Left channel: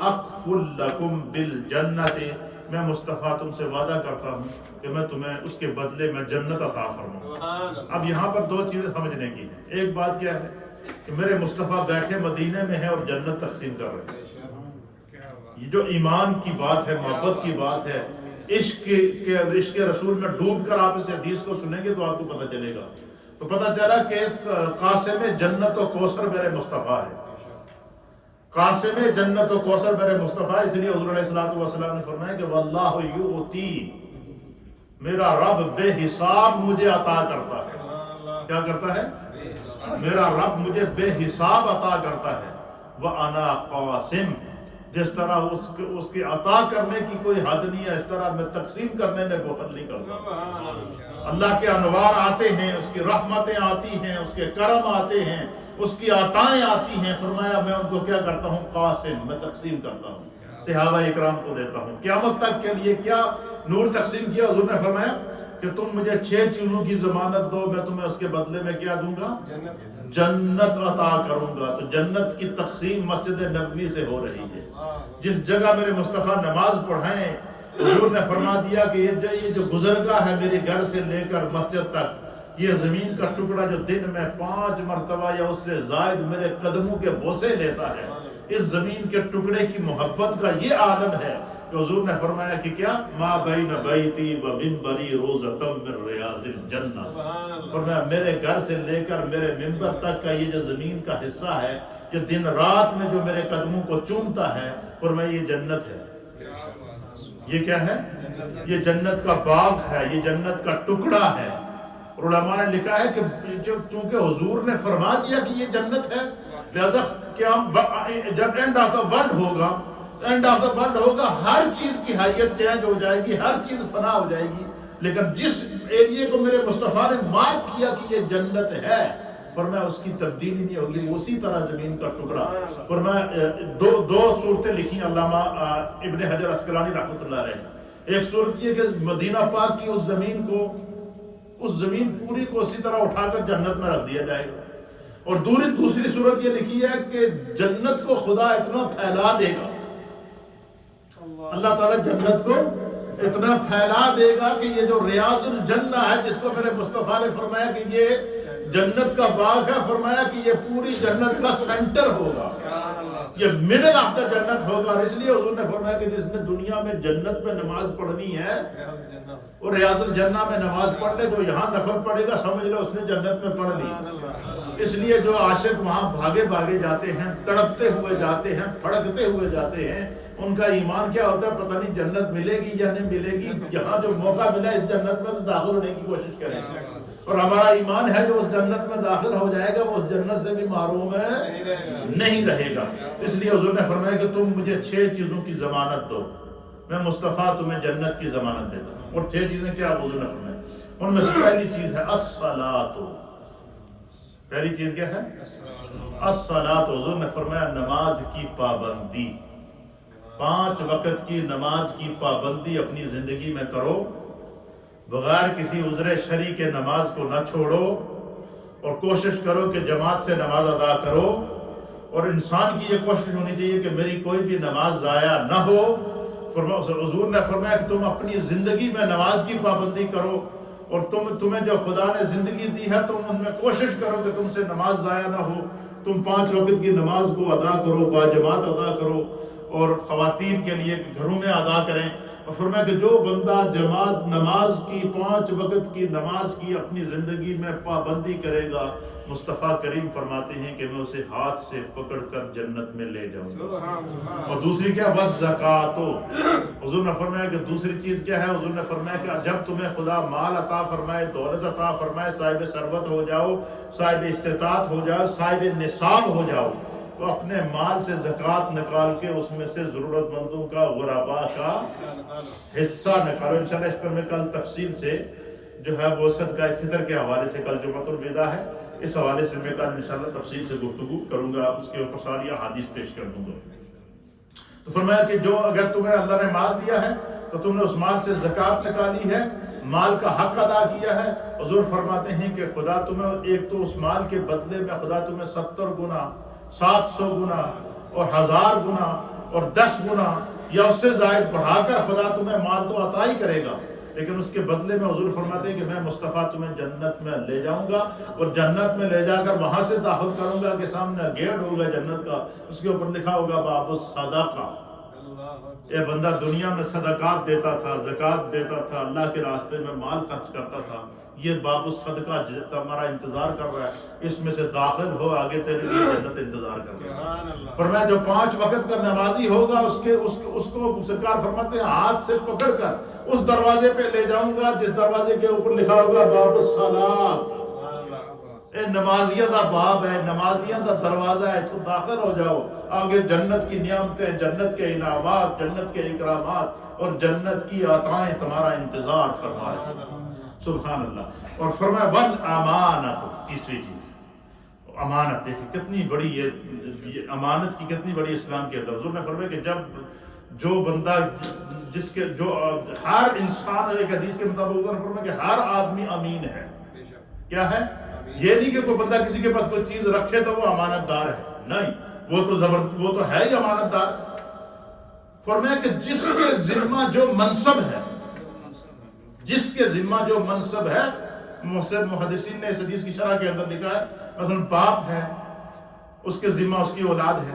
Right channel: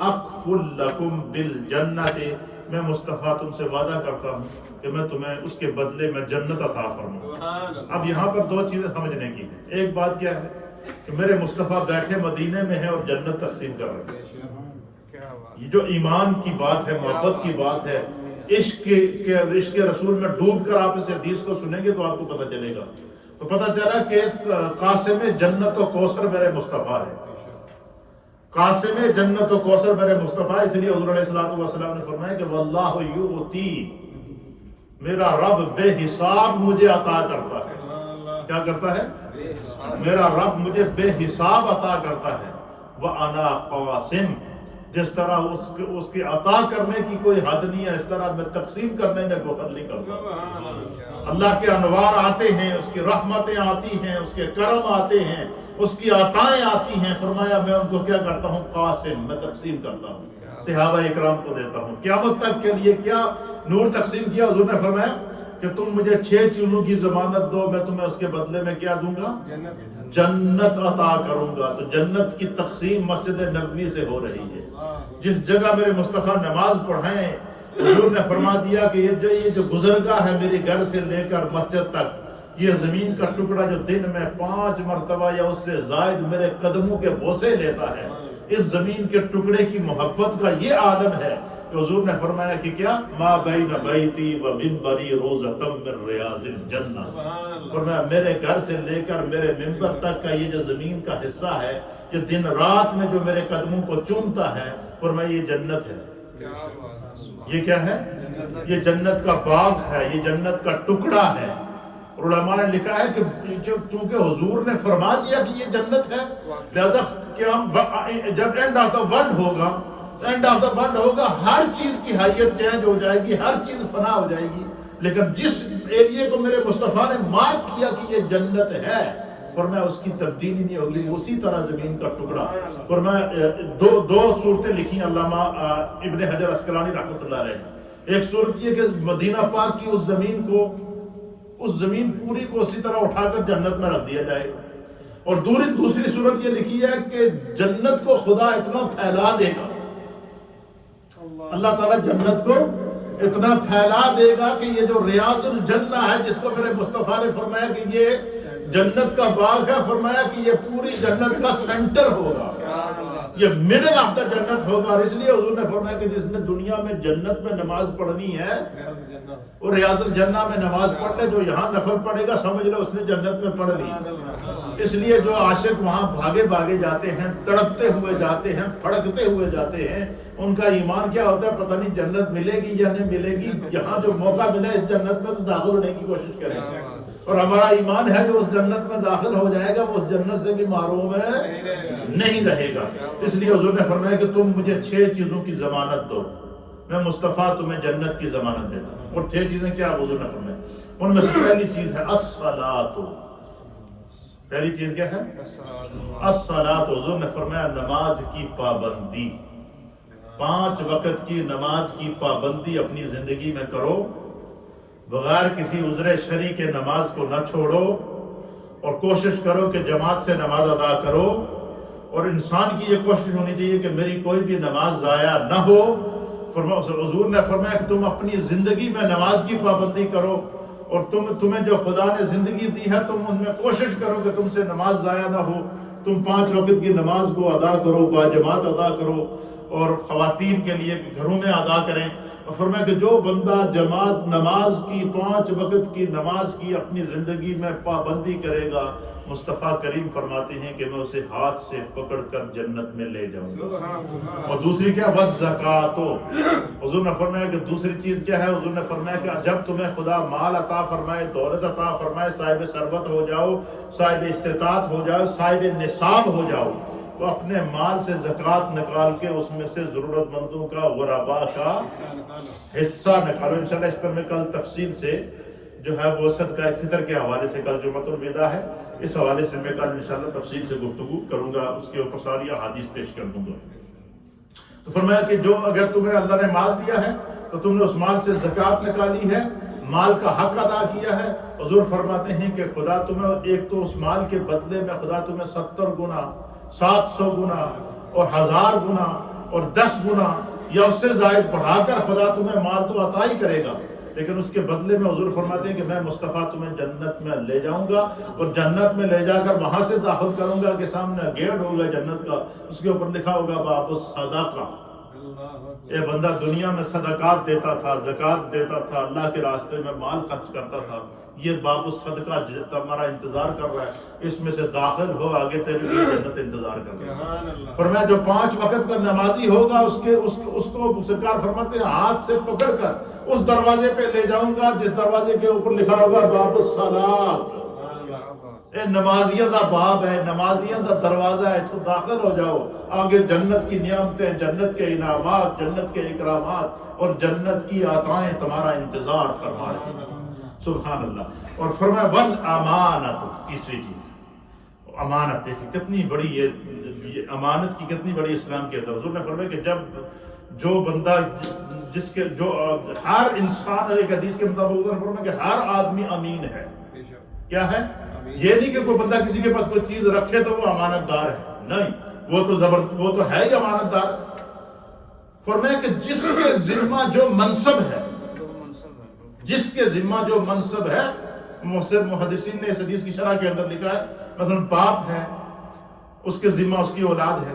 اکفل لکم بالجنت، میں مصطفیٰ تم سے وعدہ کرتا ہوں کہ میں تمہیں اس کے بدلے میں جنت عطا فرماؤں۔ اب یہاں پر دو چیزیں سمجھنے کی ہیں۔ ایک بات کیا ہے کہ میرے مصطفیٰ بیٹھے مدینے میں ہیں اور جنت تقسیم کر رہے ہیں۔ یہ جو ایمان کی بات ہے، محبت کی بات ہے، عشق کے رسول میں ڈوب کر آپ اس حدیث کو سنیں گے تو آپ کو پتہ چلے گا۔ تو پتہ چلا کہ اس قاسم جنت و کوثر میرے مصطفیٰ ہے، قاسم جنت و کوثر میرے مصطفیٰ۔ اس لیے حضور علیہ السلام نے فرمایا کہ واللہ یؤتی، میرا رب بے حساب مجھے عطا کرتا ہے۔ کیا کرتا ہے؟ میرا رب مجھے بے حساب عطا کرتا ہے۔ وَأَنَا قَاسِمٌ، جس طرح اس کے عطا کرنے کی کوئی حد نہیں ہے، اس طرح میں تقسیم کرنے میں بخل نہیں کرتا۔ اللہ کے انوار آتے ہیں، اس کی رحمتیں آتی ہیں، اس کے کرم آتے ہیں، اس کی عطائیں آتی ہیں، فرمایا میں ان کو کیا کرتا ہوں؟ قاسم، میں تقسیم کرتا ہوں، صحابہ اکرام کو دیتا ہوں۔ قیامت تک کے لیے کیا نور تقسیم کیا؟ حضور نے فرمایا کہ تم مجھے 6 چیزوں کی ضمانت دو، میں تمہیں اس کے بدلے میں کیا دوں گا؟ جنت عطا کروں گا۔ تو جنت کی تقسیم مسجد نبوی سے ہو رہی ہے۔ جس جگہ میرے مصطفیٰ نماز پڑھائیں، حضور نے فرما دیا کہ یہ جو گزرگاہ ہے میرے گھر سے لے کر مسجد تک، یہ زمین کا ٹکڑا جو دن میں 5 مرتبہ یا اس سے زائد میرے قدموں کے بوسے لیتا ہے، اس زمین کے ٹکڑے کی محبت کا یہ عالم ہے کہ حضور نے فرمایا کہ کیا؟ ما بین بیتی و منبری روضۃ من ریاض الجنہ، فرمایا میرے گھر سے لے کر میرے منبر تک کا یہ جو زمین کا حصہ ہے، یہ دن رات میں جو میرے قدموں کو چومتا ہے، فرمایا یہ جنت ہے۔ یہ کیا ہے؟ یہ جنت کا باغ ہے، یہ جنت کا ٹکڑا ہے۔ اور علماء نے لکھا ہے کہ چونکہ حضور نے فرما دیا کہ یہ جنت ہے، لہذا جب اینڈ آف دا ورلڈ ہوگا، اینڈ آف دا ورلڈ ہوگا، ہر چیز کی حیت چینج ہو جائے گی، ہر چیز فنا ہو جائے گی، لیکن جس ایریے کو میرے مصطفیٰ نے مارک کیا کہ یہ جنت ہے، فرمایا اس کی تبدیلی نہیں ہوگی، اسی طرح زمین کا ٹکڑا۔ فرمایا دو صورتیں لکھی علامہ ابن حجر عسقلانی رحمۃ اللہ علیہ۔ ایک صورت یہ کہ مدینہ پاک کی اس زمین پوری کو اسی طرح اٹھا کر جنت میں رکھ دیا جائے گا، اور دوسری صورت یہ لکھی ہے کہ جنت کو خدا اتنا پھیلا دے گا، اللہ تعالیٰ جنت کو اتنا پھیلا دے گا کہ یہ جو ریاض الجنہ ہے، جس کو میرے مصطفیٰ نے فرمایا کہ یہ جنت کا باغ ہے، فرمایا کہ یہ پوری جنت کا سینٹر ہوگا، یہ مڈل آف دا جنت ہوگا۔ اور اس لیے حضور نے فرمایا کہ جس نے دنیا میں جنت میں نماز پڑھنی ہے اور ریاض الجنہ میں نماز پڑھ لے، جو یہاں نفل پڑھے گا سمجھ لو اس نے جنت میں پڑھ لی۔ اس لیے جو عاشق وہاں بھاگے جاتے ہیں، تڑپتے ہوئے جاتے ہیں، پھڑکتے ہوئے جاتے ہیں، ان کا ایمان کیا ہوتا ہے؟ پتہ نہیں جنت ملے گی یا نہیں ملے گی، یہاں جو موقع ملا اس جنت میں تو داخل ہونے کی کوشش کریں گے۔ اور ہمارا ایمان ہے جو اس جنت میں داخل ہو جائے گا وہ اس جنت سے بھی محروم نہیں رہے گا۔ اس لیے حضور نے فرمایا کہ تم مجھے 6 چیزوں کی ضمانت دو، میں مصطفیٰ تمہیں جنت کی ضمانت دیتا ہوں۔ اور 6 چیزیں کیا حضور نے فرمایا؟ ان میں سے پہلی چیز ہے الصلاۃ۔ پہلی چیز کیا ہے؟ الصلاۃ۔ حضور نے فرمایا نماز کی پابندی، 5 وقت کی نماز کی پابندی اپنی زندگی میں کرو، بغیر کسی عذر شرعی کے نماز کو نہ چھوڑو، اور کوشش کرو کہ جماعت سے نماز ادا کرو، اور انسان کی یہ کوشش ہونی چاہیے کہ میری کوئی بھی نماز ضائع نہ ہو۔ حضور نے فرمایا کہ تم اپنی زندگی میں نماز کی پابندی کرو، اور تمہیں جو خدا نے زندگی دی ہے تم ان میں کوشش کرو کہ تم سے نماز ضائع نہ ہو، تم 5 وقت کی نماز کو ادا کرو، باجماعت ادا کرو، اور خواتین کے لیے گھروں میں ادا کریں۔ اور فرمایا کہ جو بندہ جماعت نماز کی 5 وقت کی نماز کی اپنی زندگی میں پابندی کرے گا، مصطفیٰ کریم فرماتے ہیں کہ میں اسے ہاتھ سے پکڑ کر جنت میں لے جاؤں گا۔ اور دوسری کیا؟ والزکاۃ۔ حضور نے فرمایا کہ دوسری چیز کیا ہے؟ حضور نے فرمایا کہ جب تمہیں خدا مال عطا فرمائے، دولت عطا فرمائے، صاحب ثروت ہو جاؤ، صاحب استطاعت ہو جاؤ، صاحب نصاب ہو جاؤ، تو اپنے مال سے زکوٰۃ نکال کے اس میں سے ضرورت مندوں کا، غرباء کا حصہ نکالو۔ انشاءاللہ اس پر میں کل تفصیل سے جو ہے وہ صدقہ فطر کے حوالے سے، کل جمعۃ الوداع ہے، اس حوالے سے میں کل انشاءاللہ تفصیل سے گفتگو کروں گا، اس کے اوپر ساری احادیث پیش کر دوں گا۔ تو فرمایا کہ جو اگر تمہیں اللہ نے مال دیا ہے تو تم نے اس مال سے زکوٰۃ نکالی ہے، مال کا حق ادا کیا ہے۔ حضور فرماتے ہیں کہ خدا تمہیں ایک تو اس مال کے بدلے میں خدا تمہیں 70 گنا، 700 گنا اور 1000 گنا اور 10 گنا یا اس سے زائد بڑھا کر خدا تمہیں مال تو عطا ہی کرے گا، لیکن اس کے بدلے میں حضور فرماتے ہیں کہ میں مصطفیٰ تمہیں جنت میں لے جاؤں گا، اور جنت میں لے جا کر وہاں سے داخل کروں گا کہ سامنے گیٹ ہوگا جنت کا، اس کے اوپر لکھا ہوگا باب الصدقہ. یہ بندہ دنیا میں صدقات دیتا تھا، زکوٰۃ دیتا تھا، اللہ کے راستے میں مال خرچ کرتا تھا، یہ باب الصدقہ تمہارا انتظار کر رہا ہے، اس میں سے داخل ہو، آگے تیرے لیے جنت انتظار کر رہا ہے. فرمایا جو 5 وقت کا نمازی ہوگا اس کو سرکار فرماتے ہیں ہاتھ سے پکڑ کر اس دروازے پہ لے جاؤں گا جس دروازے کے اوپر لکھا ہوگا باب الصلاۃ. اے نمازیاں دا باب ہے، نمازیاں دا دروازہ ہے، تو داخل ہو جاؤ، آگے جنت کی نعمتیں، جنت کے انعامات، جنت کے اکرامات اور جنت کی عطائیں تمہارا انتظار فرما رہے ہیں. سبحان اللہ. اور فرمایا والامانت، تیسری چیز امانت. دیکھیں کتنی بڑی یہ امانت کی کتنی بڑی اسلام کے اندر. حضور نے فرمایا کہ جب جو بندہ جو ہر انسان، ایک حدیث کے مطابق حضور نے فرمایا کہ ہر آدمی امین ہے. کیا ہے؟ یہ نہیں کہ کوئی بندہ کسی کے پاس کوئی چیز رکھے تو وہ امانت دار ہے، نہیں، وہ تو ہے ہی امانت دار. فرمایا کہ جس کے ذمہ جو منصب ہے، جس کے ذمہ جو منصب ہے، محدثین نے اس حدیث کی شرح کے اندر لکھا ہے مثلا باپ ہے، اس کے ذمہ اس کی اولاد ہے،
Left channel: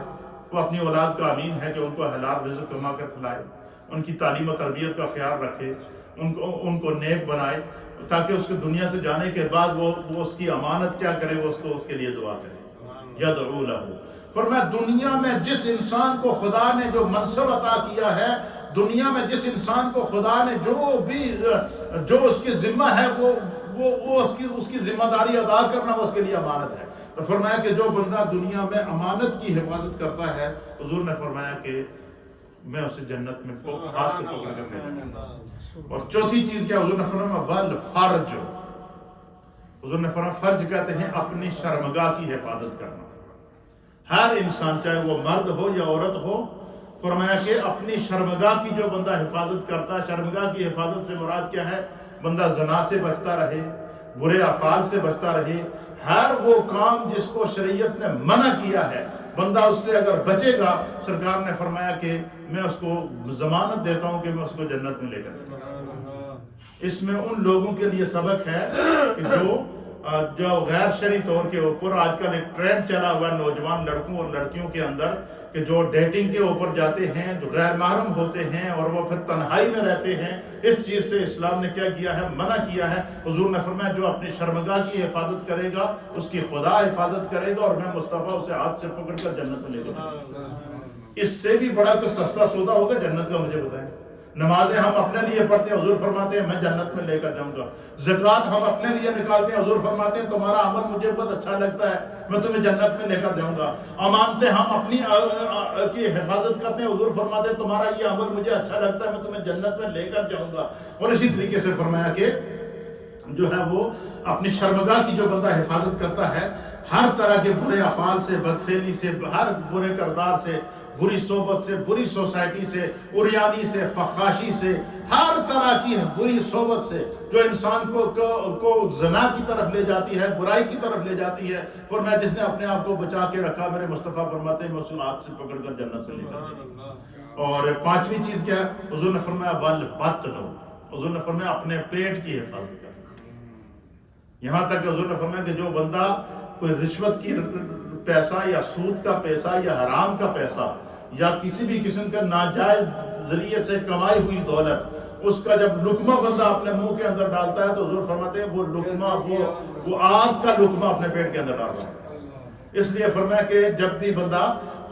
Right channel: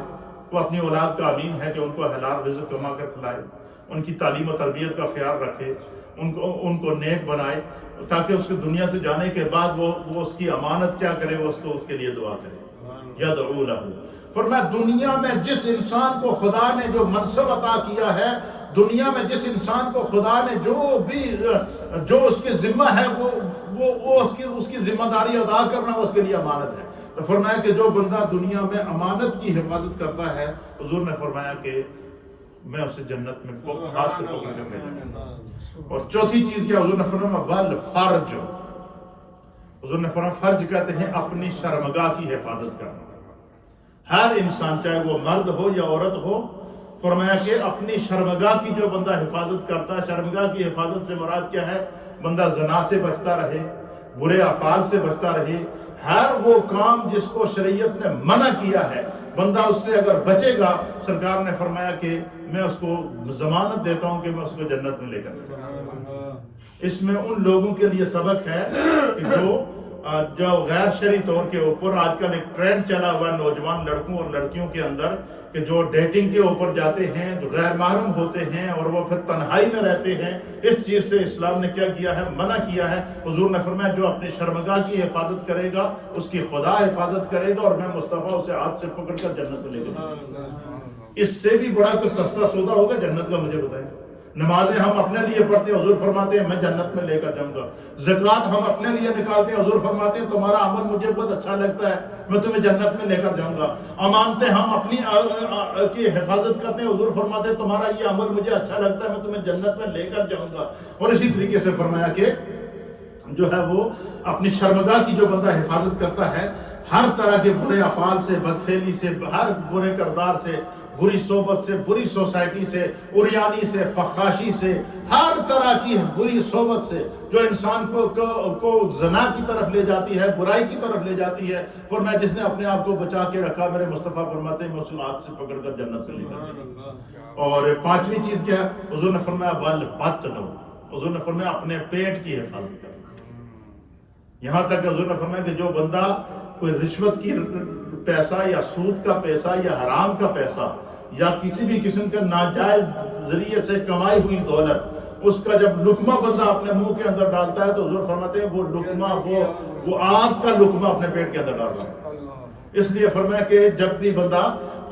وہ اپنی اولاد کا امین ہے کہ ان کو حلال رزق کما کر کھلائے، ان کی تعلیم و تربیت کا خیال رکھے، ان کو نیک بنائے، تاکہ اس کے دنیا سے جانے کے بعد وہ اس کی امانت کیا کرے، وہ اس کے لیے دعا کرے. یدعو لہ. فرمایا دنیا میں جس انسان کو خدا نے جو منصب عطا کیا ہے، دنیا میں جس انسان کو خدا نے جو اس کے ذمہ ہے وہ اس کی ذمہ داری ادا کرنا وہ اس کے لیے امانت ہے. تو فرمایا کہ جو بندہ دنیا میں امانت کی حفاظت کرتا ہے، حضور نے فرمایا کہ میں اسے جنت میں ہاتھ سے پکڑ کر لے جاؤں گا. اور چوتھی چیز کیا حضور نے فرمایا والفرج. حضور نے فرمایا فرج کہتے ہیں اپنی شرمگاہ کی حفاظت کرنا. ہر انسان چاہے وہ مرد ہو یا عورت ہو، فرمایا کہ اپنی شرمگاہ کی جو بندہ حفاظت کرتا ہے، شرمگاہ کی حفاظت سے مراد کیا ہے؟ بندہ زنا سے بچتا رہے، برے افعال سے بچتا رہے، ہر وہ کام جس کو شریعت نے منع کیا ہے بندہ اس سے اگر بچے گا، سرکار نے فرمایا کہ میں اس کو ضمانت دیتا ہوں کہ میں اس کو جنت میں لے کر جاؤں گا. اس میں ان لوگوں کے لیے سبق ہے کہ جو غیر شرعی طور کے اوپر آج کل ایک ٹرینڈ چلا ہوا ہے نوجوان لڑکوں اور لڑکیوں کے اندر، کہ جو ڈیٹنگ کے اوپر جاتے ہیں، جو غیر محرم ہوتے ہیں اور وہ پھر تنہائی میں رہتے ہیں. اس چیز سے اسلام نے کیا کیا ہے؟ منع کیا ہے. حضور نے فرمایا جو اپنی شرمگاہ کی حفاظت کرے گا اس کی خدا حفاظت کرے گا، اور میں مصطفیٰ اسے ہاتھ سے پکڑ کر جنت میں لے جاؤں گا. اس سے بھی بڑا کوئی سستا سودا ہوگا جنت کا؟ مجھے بتائیں. نمازیں ہم اپنے لیے پڑھتے ہیں، حضور فرماتے ہیں میں جنت میں لے کر جاؤں گا. زکوٰۃ ہم اپنے لیے نکالتے ہیں، حضور فرماتے ہیں تمہارا عمل مجھے بہت اچھا لگتا ہے، میں تمہیں جنت میں لے کر جاؤں گا. امانتیں ہم اپنی کی حفاظت کرتے ہیں، حضور فرماتے ہیں تمہارا یہ عمل مجھے اچھا لگتا ہے، میں تمہیں جنت میں لے کر جاؤں گا. اور اسی طریقے سے فرمایا کہ جو ہے وہ اپنی شرمگاہ کی جو بندہ حفاظت کرتا ہے، ہر طرح کے برے افعال سے، بدفعلی سے، ہر برے کردار سے، بری صحبت سے، بری سوسائٹی سے، عریانی سے، فحاشی سے، ہر طرح کی بری صحبت سے جو انسان کو زنا کی طرف لے جاتی ہے، برائی کی طرف لے جاتی ہے. فرمایا جس نے اپنے آپ کو بچا کے رکھا، میرے مصطفیٰ فرماتے ہیں میں اس کو ہاتھ سے پکڑ کر جنت میں لے کر جاؤں گا. اور پانچویں چیز کیا ہے؟ حضور نے فرمایا والبطن. حضور نے فرمایا اپنے پیٹ کی حفاظت کرنا. یہاں تک کہ حضور نے فرمایا کہ جو بندہ کوئی رشوت کی پیسہ یا سود کا پیسہ یا حرام کا پیسہ یا کسی بھی قسم کا ناجائز ذریعے سے کمائی ہوئی دولت، اس کا جب لقمہ بندہ اپنے منہ کے اندر ڈالتا ہے تو حضور فرماتے ہیں وہ لقمہ وہ آگ کا لقمہ اپنے پیٹ کے اندر ڈال رہا ہے. اس لیے فرمایا کہ جب بھی بندہ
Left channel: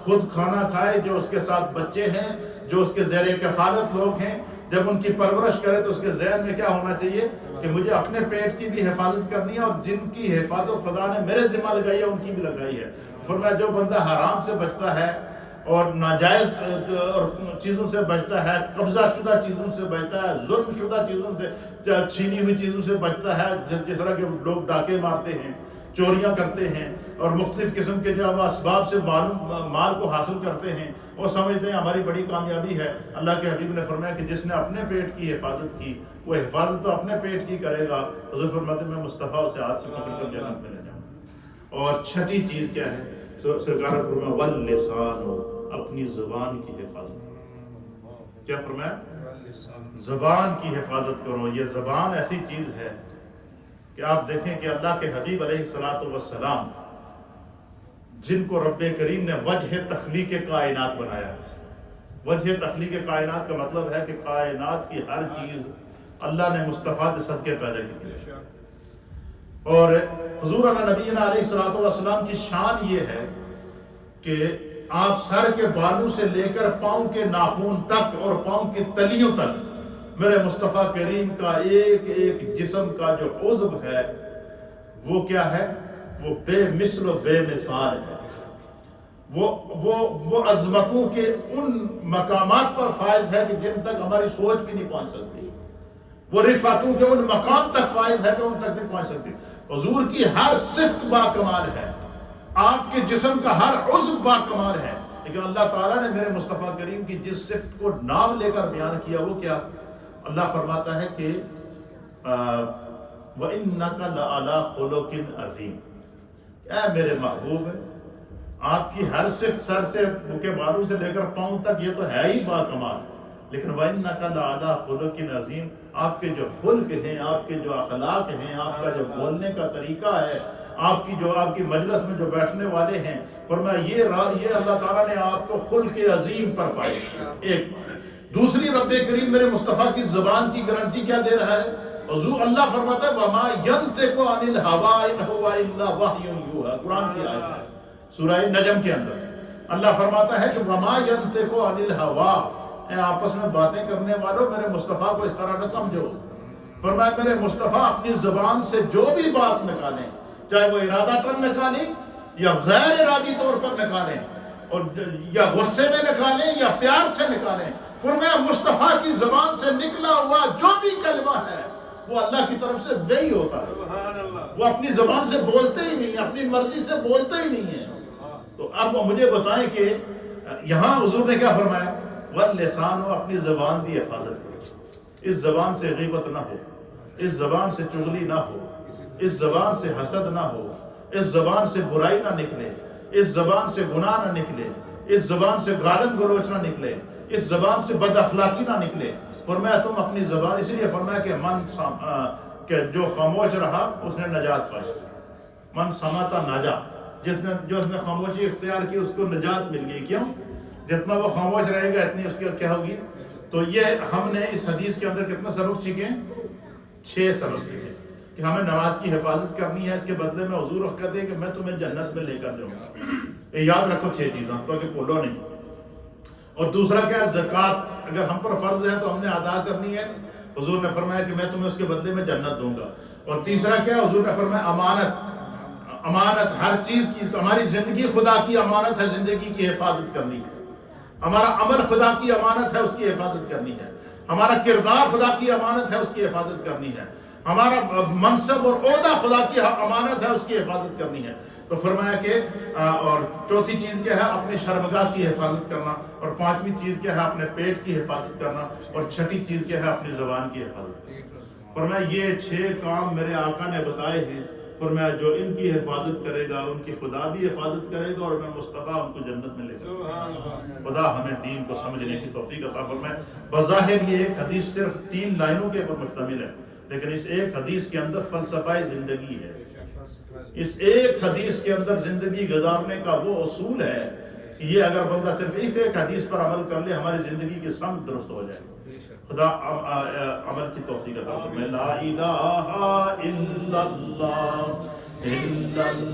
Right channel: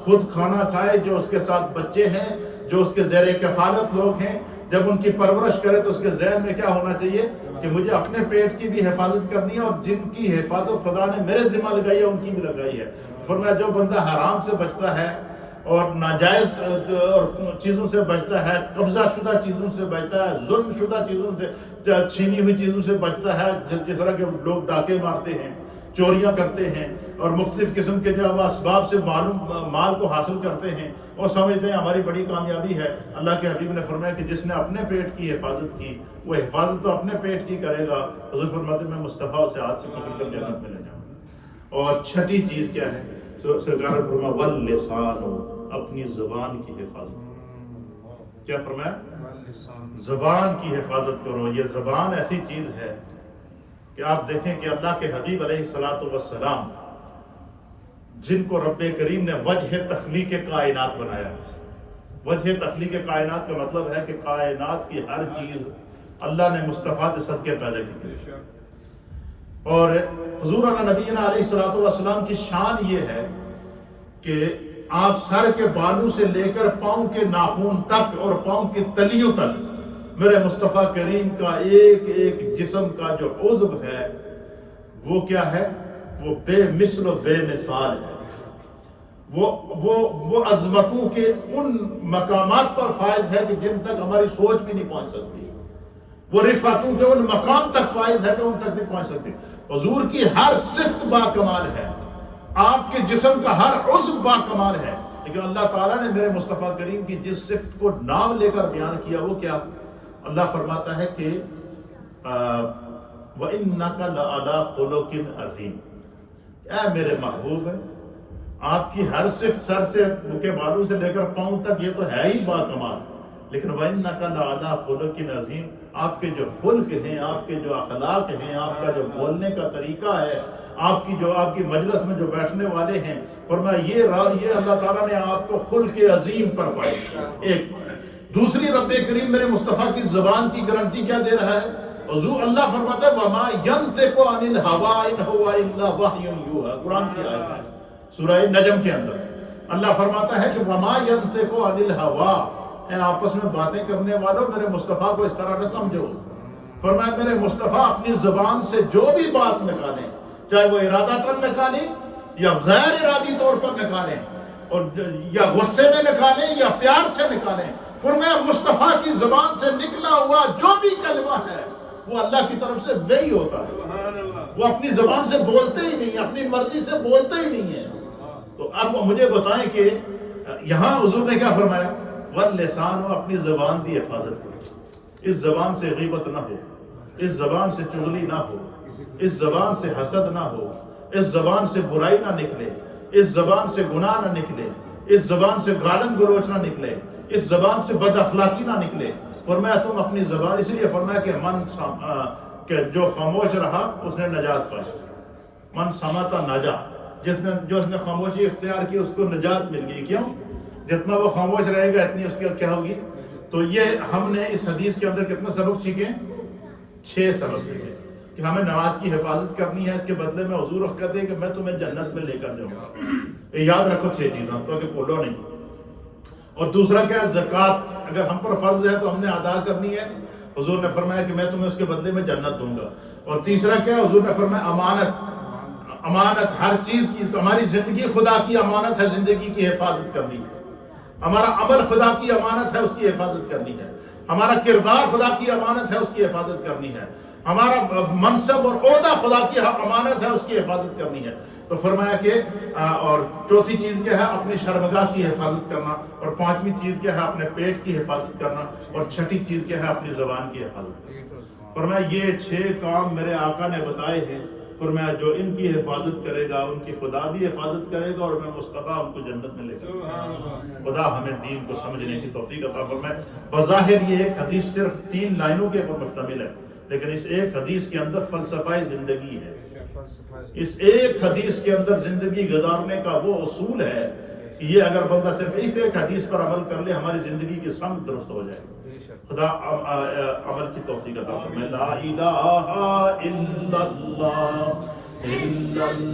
خود کھانا کھائے، جو اس کے ساتھ بچے ہیں، جو اس کے زیر کفالت لوگ ہیں، جب ان کی پرورش کرے تو اس کے ذہن میں کیا ہونا چاہیے کہ مجھے اپنے پیٹ کی بھی حفاظت کرنی ہے، اور جن کی حفاظت خدا نے میرے ذمہ لگائی ہے ان کی بھی لگائی ہے. فرمایا جو بندہ حرام سے بچتا ہے اور ناجائز اور چیزوں سے بچتا ہے، قبضہ شدہ چیزوں سے بچتا ہے، ظلم شدہ چیزوں سے، چھینی ہوئی چیزوں سے بچتا ہے، جس طرح کے لوگ ڈاکے مارتے ہیں، چوریاں کرتے ہیں اور مختلف قسم کے جو اسباب سے مال کو حاصل کرتے ہیں، وہ سمجھتے ہیں ہماری بڑی کامیابی ہے. اللہ کے حبیب نے فرمایا کہ جس نے اپنے پیٹ کی حفاظت کی، وہ حفاظت تو اپنے پیٹ کی کرے گا. حضور فرماتے ہیں میں مصطفیٰ سے ہاتھ سے پکڑ کر جنت میں لے جاؤں گا. اور چھٹی چیز کیا ہے؟ سرکار نے فرمایا واللسان. اپنی زبان کی حفاظت کرو۔ کیا فرمایا؟ زبان کی حفاظت کرو۔ یہ زبان ایسی چیز ہے کہ آپ دیکھیں کہ اللہ کے حبیب علیہ السلام جن کو رب کریم نے وجہ تخلیق کائنات بنایا۔ وجہ تخلیق کائنات کا مطلب ہے کہ کائنات کی ہر چیز اللہ نے مصطفیٰ کے صدقے پیدا کی تھی۔ اور حضور نبینا علیہ السلام کی شان یہ ہے کہ آپ سر کے بالوں سے لے کر پاؤں کے ناخن تک اور پاؤں کی تلیوں تک میرے مصطفیٰ کریم کا ایک ایک جسم کا جو عضو ہے وہ کیا ہے؟ وہ بے مثل و بے مثال ہے۔ وہ عظمتوں کے ان مقامات پر فائز ہے کہ جن تک ہماری سوچ بھی نہیں پہنچ سکتی۔ وہ رفعتوں کے ان مقام تک فائز ہے کہ ان تک نہیں پہنچ سکتی۔ حضور کی ہر صفت با کمال ہے، آپ کے جسم کا ہر عضو با کمال ہے، لیکن اللہ تعالیٰ نے میرے مصطفیٰ کریم کی جس صفت کو نام لے کر بیان کیا وہ کیا؟ اللہ فرماتا ہے کہ وَإِنَّكَ لَعَلَىٰ خُلُقٍ عَظِيمٍ، اے میرے محبوب ہے آپ کی ہر صفت سر سے کے بالوں سے لے کر پاؤں تک یہ تو ہے ہی با کمال، لیکن وَإِنَّكَ لَعَلَىٰ خُلُقٍ عَظِيمٍ، آپ کے جو خلق ہیں، آپ کے جو اخلاق ہیں، آپ کا جو بولنے کا طریقہ ہے، آپ کی مجلس میں جو بیٹھنے والے ہیں، فرمایا یہ اللہ تعالیٰ نے آپ کو خلق عظیم پر فائز کیا۔ ایک دوسری رب کریم میرے مصطفیٰ کی زبان کی گارنٹی کیا دے رہا ہے؟ حضور اللہ فرماتا ہے وَمَا يَنْطِقُ عَنِ الْهَوَىٰ إِنْ هُوَ إِلَّا وَحْيٌ يُوحَىٰ، قرآن کی آیت ہے سورہ نجم کے اندر اللہ فرماتا ہے کہ وَمَا يَنْطِقُ عَنِ الْهَوَىٰ، اے آپس میں باتیں کرنے والوں میرے مصطفیٰ کو اس طرح نہ سمجھو۔ فرمایا میرے مصطفیٰ اپنی زبان سے جو بھی بات نکالیں، چاہے وہ ارادتاً نکالیں یا غیر ارادی طور پر نکالیں، اور یا غصے میں نکالیں یا پیار سے نکالیں، فرمایا مصطفیٰ کی زبان سے نکلا ہوا جو بھی کلمہ ہے وہ اللہ کی طرف سے وہی ہوتا ہے۔ وہ اپنی زبان سے بولتے ہی نہیں، اپنی مرضی سے بولتے ہی نہیں ہے۔ تو اب مجھے بتائیں کہ یہاں حضور نے کیا فرمایا؟ واللسان، اپنی زبان کی حفاظت کرو، اس زبان سے غیبت نہ ہو، اس زبان سے چغلی نہ ہو، اس زبان سے حسد نہ ہو، اس زبان سے برائی نہ نکلے، اس زبان سے گناہ نہ نکلے، اس زبان سے گالن گلوچ نہ نکلے، اس زبان سے بد اخلاقی نہ نکلے۔ فرمایا تم اپنی زبان، اس لیے فرمایا کہ جو خاموش رہا اس نے نجات پائی، من سماتا نجا، جو اس نے خاموشی اختیار کی اس کو نجات مل گئی۔ کیوں؟ جتنا وہ خاموش رہے گا اتنی اس کی کیا ہوگی۔ تو یہ ہم نے اس حدیث کے اندر کتنا سبق سیکھے؟ 6 سبق سیکھے کہ ہمیں نماز کی حفاظت کرنی ہے، اس کے بدلے میں حضور کہتے ہیں کہ میں تمہیں جنت میں لے کر جاؤں گا۔ یاد رکھو 6 چیزیں تو کہ بولو نہیں۔ اور دوسرا کیا ہے؟ زکوٰۃ اگر ہم پر فرض ہے تو ہم نے ادا کرنی ہے، حضور نے فرمایا کہ میں تمہیں اس کے بدلے میں جنت دوں گا۔ اور تیسرا کیا ہے؟ حضور نے فرمایا امانت ہر چیز کی، تو ہماری زندگی خدا کی امانت ہے، زندگی کی حفاظت کرنی ہے۔ ہمارا عمل خدا کی امانت ہے، اس کی حفاظت کرنی ہے۔ ہمارا کردار خدا کی امانت ہے، اس کی حفاظت کرنی ہے۔ ہمارا منصب اور عہدہ خدا کی امانت ہے، اس کی حفاظت کرنی ہے۔ تو فرمایا کہ اور چوتھی چیز کیا ہے؟ اپنی شرمگاہ کی حفاظت کرنا، اور 5ویں چیز کیا ہے؟ اپنے پیٹ کی حفاظت کرنا، اور 6ٹھی چیز کیا ہے؟ اپنی زبان کی حفاظت کرنا۔ فرمایا یہ 6 کام میرے آقا نے بتائے ہیں، فرمایا جو ان کی حفاظت کرے گا ان کی خدا بھی حفاظت کرے گا، اور میں مصطفیٰ ان کو جنت میں لے جاؤں گا۔ خدا ہمیں دین کو سمجھنے کی توفیق عطا فرمائے۔ بظاہر یہ ایک حدیث صرف 3 لائنوں کے اوپر مشتمل ہے، لیکن اس ایک حدیث کے اندر فلسفہ زندگی ہے۔ اس ایک حدیث کے اندر زندگی گزارنے کا وہ اصول ہے کہ یہ اگر بندہ صرف ایک حدیث پر عمل کر لے ہماری زندگی کی سمت درست ہو جائے۔ خدا عمل کی توفیق عطا فرمائے۔ لا الہ الا اللہ